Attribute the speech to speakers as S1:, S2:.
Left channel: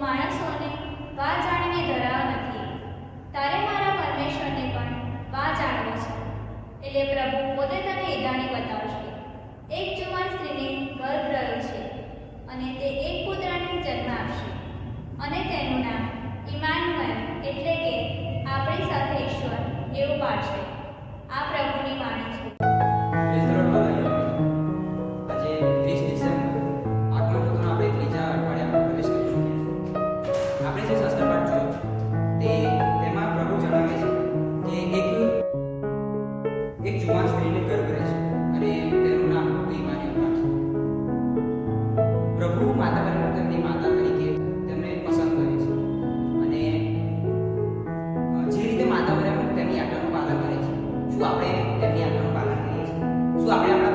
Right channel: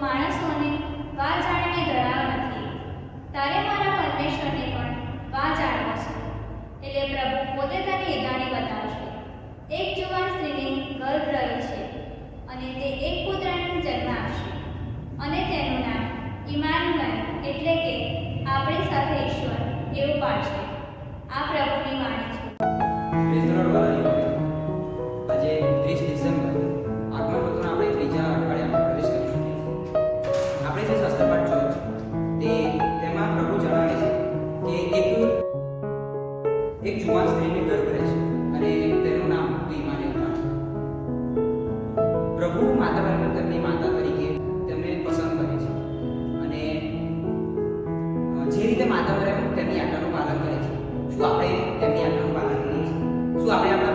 S1: માણસોને વા જાણીને ધરાવ નથી. તારે મારા પરમેશ્વરને પણ વા જાણવા છે. એટલે પ્રભુ
S2: યુવાન સ્ત્રીને ગર્ભે છે. અને તેનું નામ ભીમાને અપાયું પ્રભુ માતા બહેન માતા તરીકે તેમને પસંદ કરે છે. અને જે રીતે માતા બહેન તેમની આજ્ઞાનું પાલન કરે છે. શું આપણે તેમની આજ્ઞાનું પાલન કરીએ છીએ? શું આપણે